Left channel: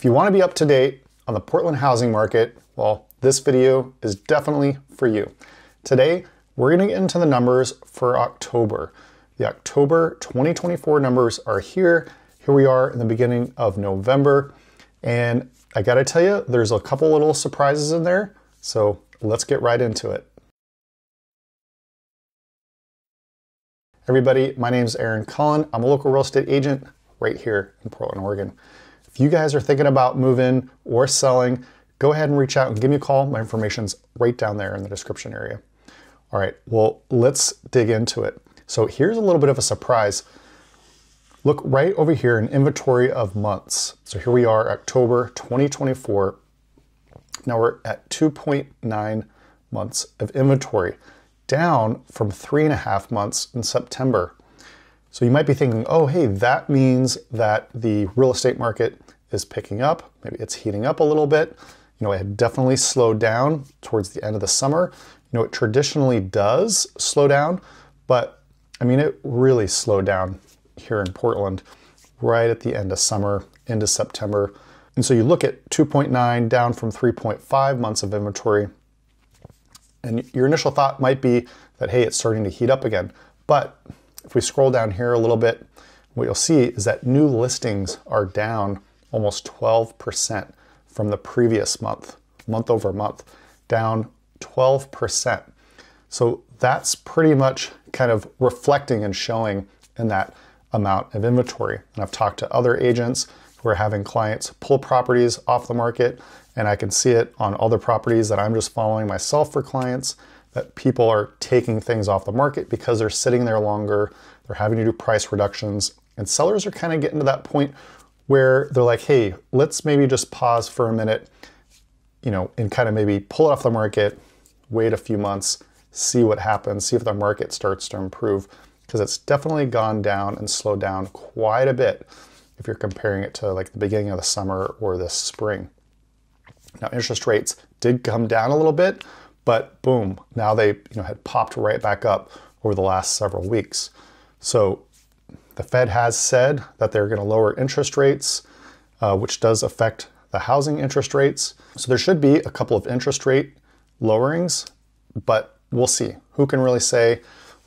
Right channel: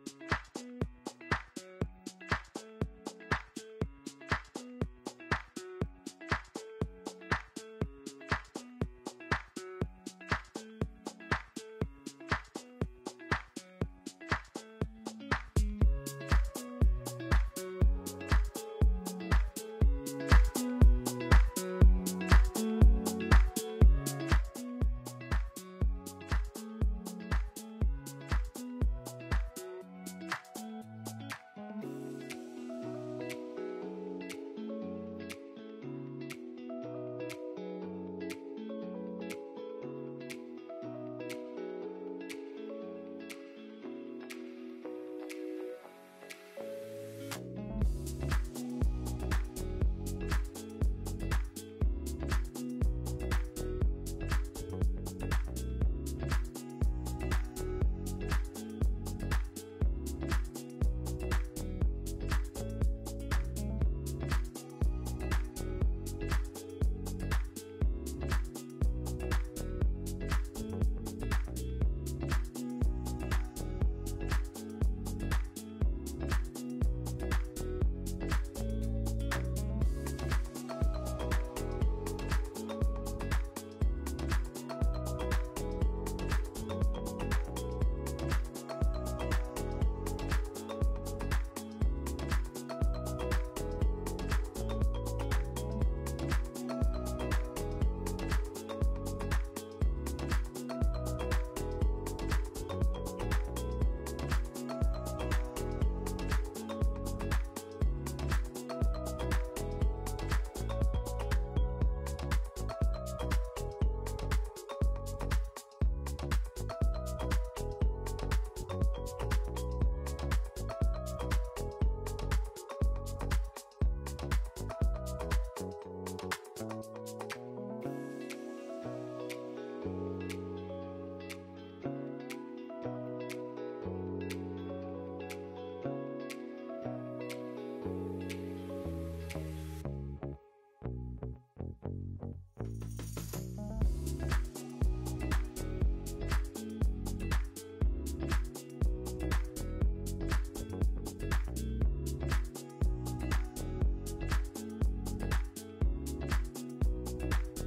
If you want to be up to date on the Portland housing market, well, this video is definitely for you. Today, we're going to get into the numbers for October. The October 2024 numbers are here. Here we are in the beginning of November. And I gotta tell you, there's a couple little surprises in there. So let's get right into it. Everybody, my name is Aaron Cullen. I'm a local real estate agent right here in Portland, Oregon. If you guys are thinking about moving or selling, go ahead and reach out and give me a call. My information's right down there in the description area. All right, well, let's dig into it. So here's a little bit of a surprise. Look right over here in inventory of months. So here we are, October 2024. Now we're at 2.9 months of inventory, down from 3.5 months in September. So you might be thinking, oh, hey, that means that the real estate market is picking up. Maybe it's heating up a little bit. You know, it had definitely slowed down towards the end of the summer. You know, it traditionally does slow down, but I mean, it really slowed down here in Portland right at the end of summer into September. And so you look at 2.9 down from 3.5 months of inventory, and your initial thought might be that, hey, it's starting to heat up again. But if we scroll down here a little bit, what you'll see is that new listings are down almost 12% from the previous month, month over month, down 12%. So that's pretty much kind of reflecting and showing in that amount of inventory. And I've talked to other agents who are having clients pull properties off the market, and I can see it on other properties that I'm just following myself for clients, that people are taking things off the market because they're sitting there longer, they're having to do price reductions, and sellers are kind of getting to that point where they're like, hey, let's maybe just pause for a minute, you know, and kind of maybe pull it off the market, wait a few months, see what happens, see if the market starts to improve, because it's definitely gone down and slowed down quite a bit if you're comparing it to like the beginning of the summer or this spring. Now, interest rates did come down a little bit, but boom, now they had popped right back up over the last several weeks. So the Fed has said that they're going to lower interest rates, which does affect the housing interest rates. So there should be a couple of interest rate lowerings, but we'll see. Who can really say?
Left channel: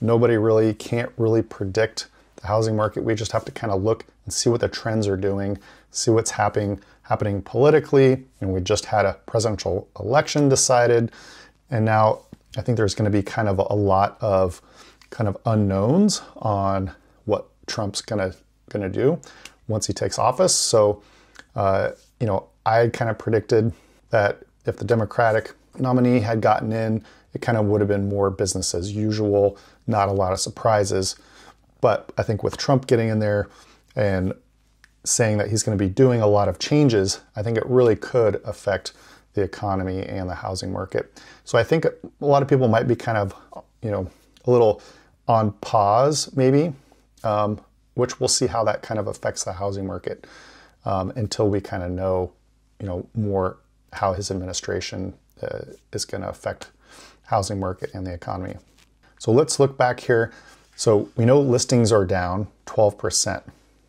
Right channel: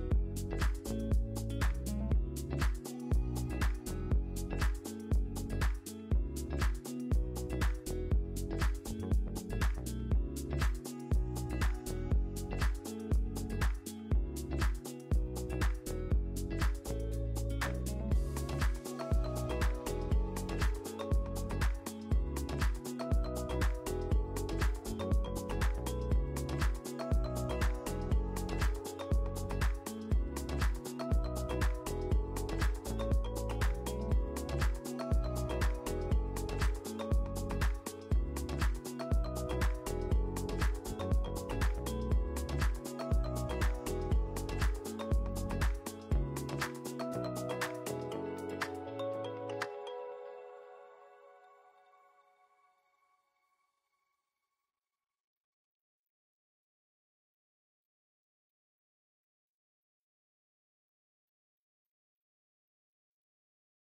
Nobody really can't really predict the housing market. We just have to kind of look and see what the trends are doing, see what's happening politically. And we just had a presidential election decided, and now I think there's going to be kind of a lot of kind of unknowns on what Trump's gonna do once he takes office. So you know, I kind of predicted that if the Democratic nominee had gotten in, it kind of would have been more business as usual, not a lot of surprises. But I think with Trump getting in there and saying that he's going to be doing a lot of changes, I think it really could affect the economy and the housing market. So I think a lot of people might be kind of, you know, a little on pause maybe, which we'll see how that kind of affects the housing market until we kind of know, you know, more how his administration is going to affect housing market and the economy. So let's look back here. So we know listings are down 12%.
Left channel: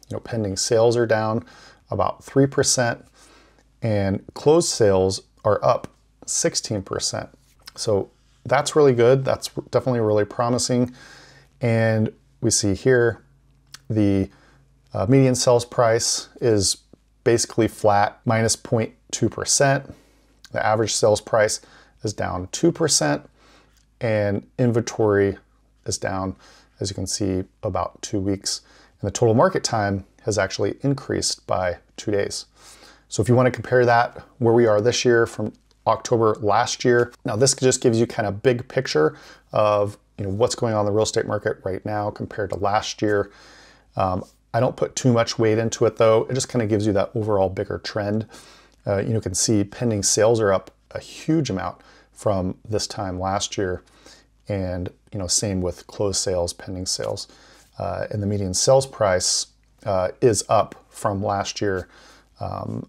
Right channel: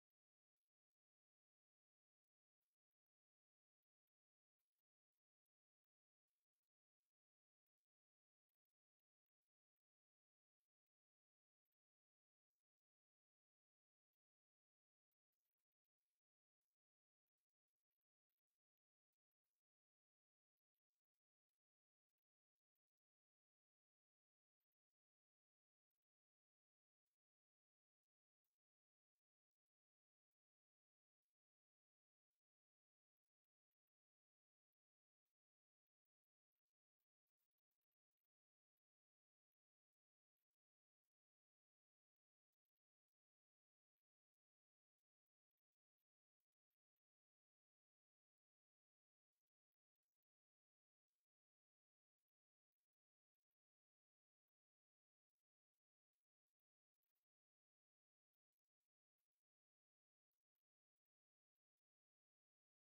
You know, pending sales are down about 3%, and closed sales are up 16%. So that's really good. That's definitely really promising. And we see here the median sales price is basically flat, minus 0.2%. The average sales price is down 2%, and inventory is down, as you can see, about 2 weeks. And the total market time has actually increased by 2 days. So if you want to compare that where we are this year from October last year, now this just gives you kind of big picture of, you know, what's going on in the real estate market right now compared to last year. I don't put too much weight into it though. It just kind of gives you that overall bigger trend. You can see pending sales are up a huge amount from this time last year, and you know, same with closed sales, pending sales, and the median sales price is up from last year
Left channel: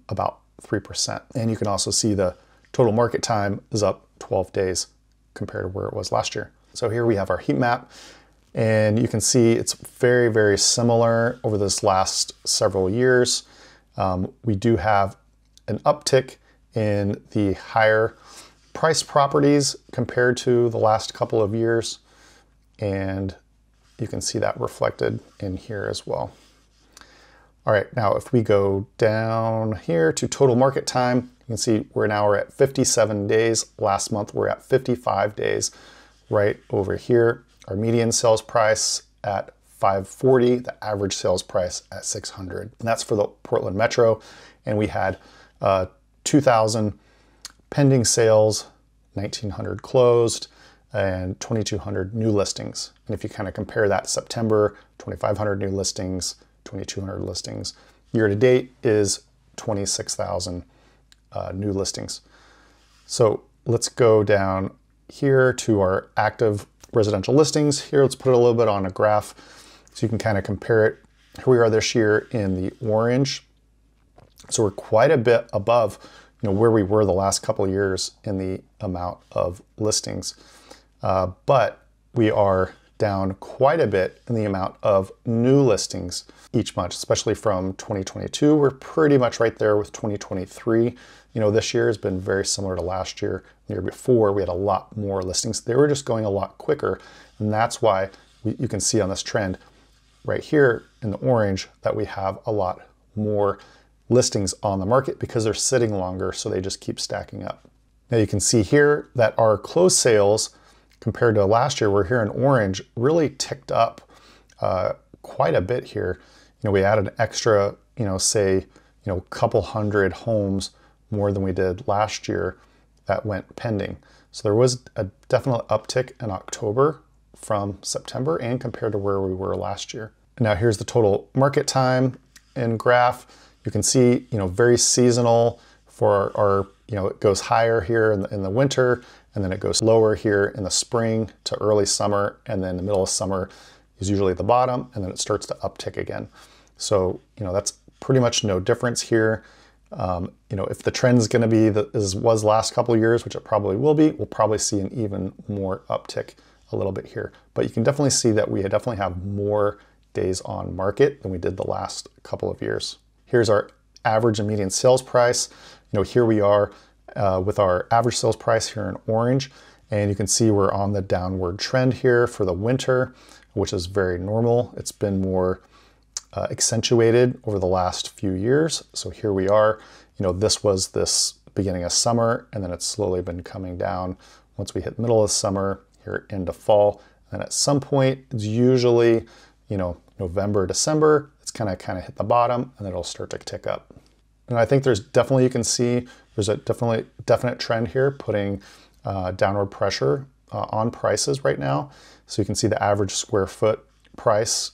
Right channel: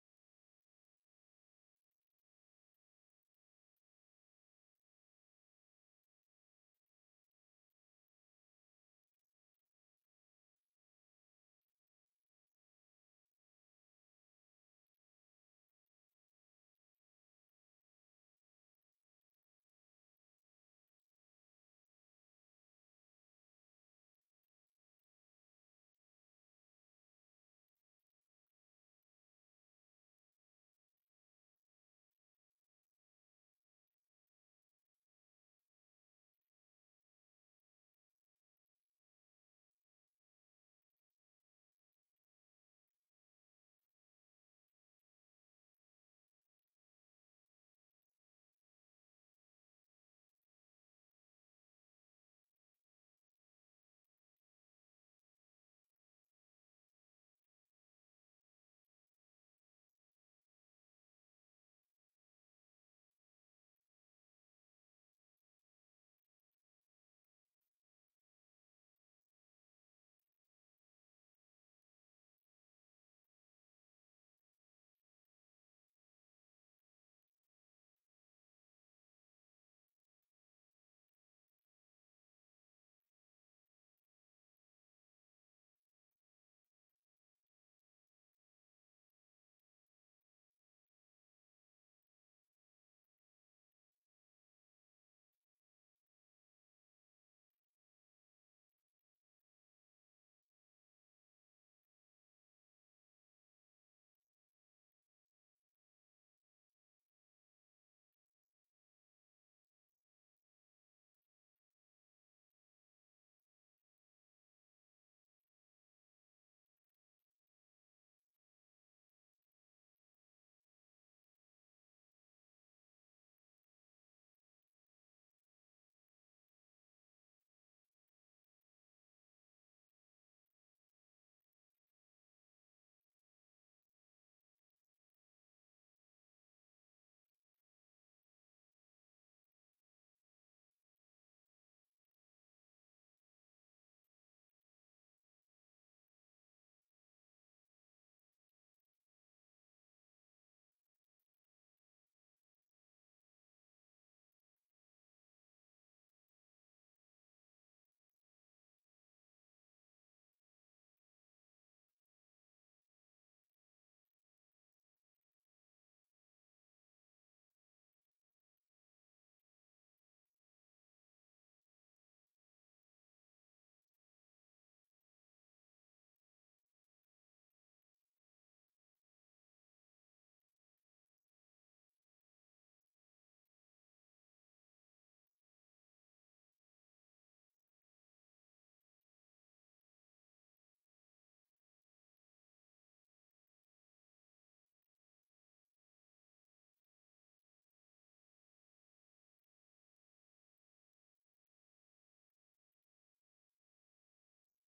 about 3%. And you can also see the total market time is up 12 days compared to where it was last year. So here we have our heat map, and you can see it's very, very similar over this last several years. We do have an uptick in the higher price properties compared to the last couple of years. And you can see that reflected in here as well. All right, now if we go down here to total market time, you can see we're at 57 days. Last month we're at 55 days. Right over here, our median sales price at 540, the average sales price at 600. And that's for the Portland Metro. And we had 2,000 pending sales, 1,900 closed, and 2,200 new listings. And if you kind of compare that, September, 2,500 new listings, 2,200 listings. Year to date is 26,000 new listings. So let's go down here to our active residential listings. Here, let's put it a little bit on a graph so you can kind of compare it. Here we are this year in the orange. So we're quite a bit above, where we were the last couple of years in the amount of listings. But we are down quite a bit in the amount of new listings each month, especially from 2022. We're pretty much right there with 2023. This year has been very similar to last year. The year before, we had a lot more listings. They were just going a lot quicker. And that's why you can see on this trend right here in the orange that we have a lot more listings on the market because they're sitting longer, so they just keep stacking up. Now you can see here that our closed sales compared to last year, we're here in orange, really ticked up quite a bit here. We added an extra, say, couple hundred homes more than we did last year that went pending. So there was a definite uptick in October from September and compared to where we were last year. And now here's the total market time in graph. You can see, very seasonal for our, it goes higher here in the winter, and then it goes lower here in the spring to early summer, and then the middle of summer is usually the bottom, and then it starts to uptick again. So, that's pretty much no difference here. If the trend is going to be as was last couple of years, which it probably will be, we'll probably see an even more uptick a little bit here. But you can definitely see that we definitely have more days on market than we did the last couple of years. Here's our average and median sales price. Here we are with our average sales price here in orange, and you can see we're on the downward trend here for the winter, which is very normal. It's been more accentuated over the last few years. So here we are, this was this beginning of summer, and then it's slowly been coming down once we hit middle of summer here into fall. And at some point, it's usually, November, December, it's kind of hit the bottom, and it'll start to tick up. And I think there's definitely, you can see there's a definite trend here putting downward pressure on prices right now. So you can see the average square foot price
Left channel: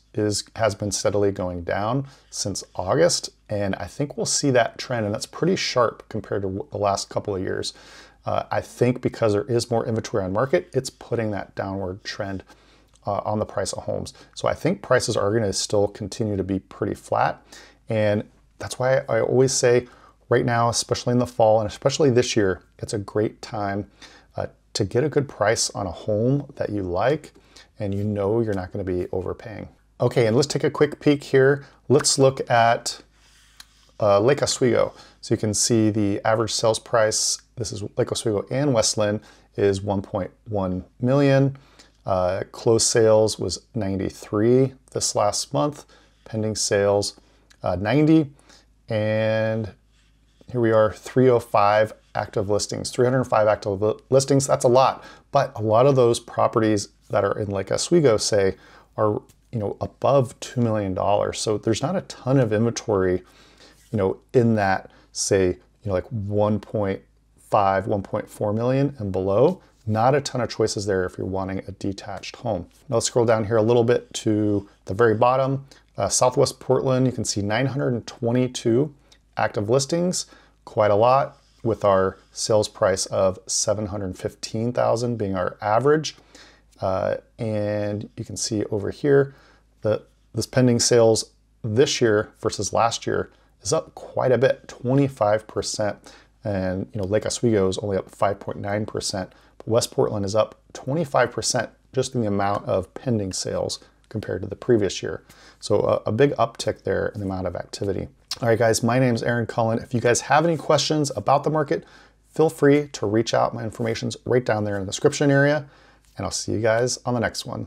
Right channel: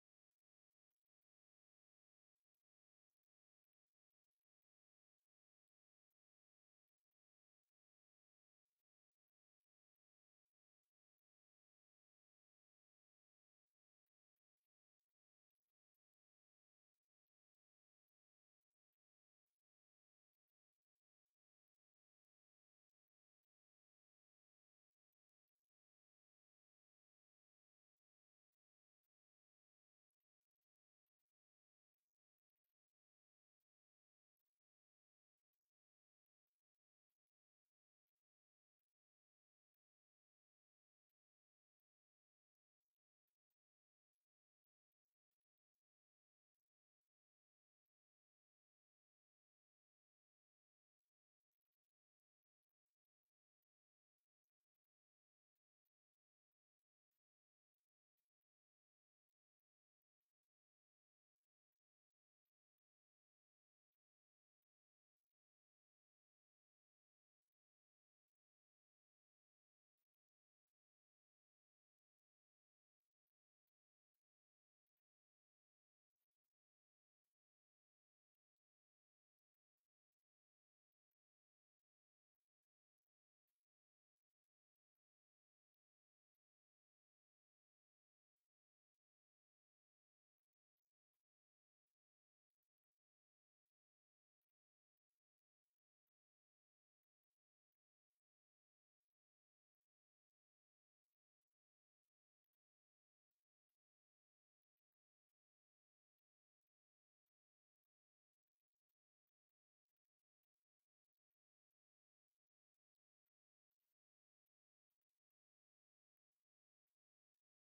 has been steadily going down since August, and I think we'll see that trend, and that's pretty sharp compared to the last couple of years. I think because there is more inventory on market, it's putting that downward trend on the price of homes. So I think prices are going to still continue to be pretty flat, and that's why I always say right now, especially in the fall and especially this year, it's a great time to get a good price on a home that you like and you're not going to be overpaying. Okay, and let's take a quick peek here. Let's look at Lake Oswego. So you can see the average sales price, this is Lake Oswego and Westland, is 1.1 million. Closed sales was 93 this last month. Pending sales 90. And here we are, 305 active listings, 305 active listings. That's a lot, but a lot of those properties that are in Lake Oswego, say, are above $2 million. So there's not a ton of inventory, in that, say, like 1.5, 1.4 million and below. Not a ton of choices there if you're wanting a detached home. Now let's scroll down here a little bit to the very bottom. Southwest Portland, you can see 922 active listings, quite a lot, with our sales price of $715,000 being our average. And you can see over here that this pending sales this year versus last year is up quite a bit, 25%. And Lake Oswego is only up 5.9%. But West Portland is up 25% just in the amount of pending sales compared to the previous year. So a big uptick there in the amount of activity. All right, guys, my name is Aaron Cullen. If you guys have any questions about the market, feel free to reach out. My information's right down there in the description area, and I'll see you guys on the next one.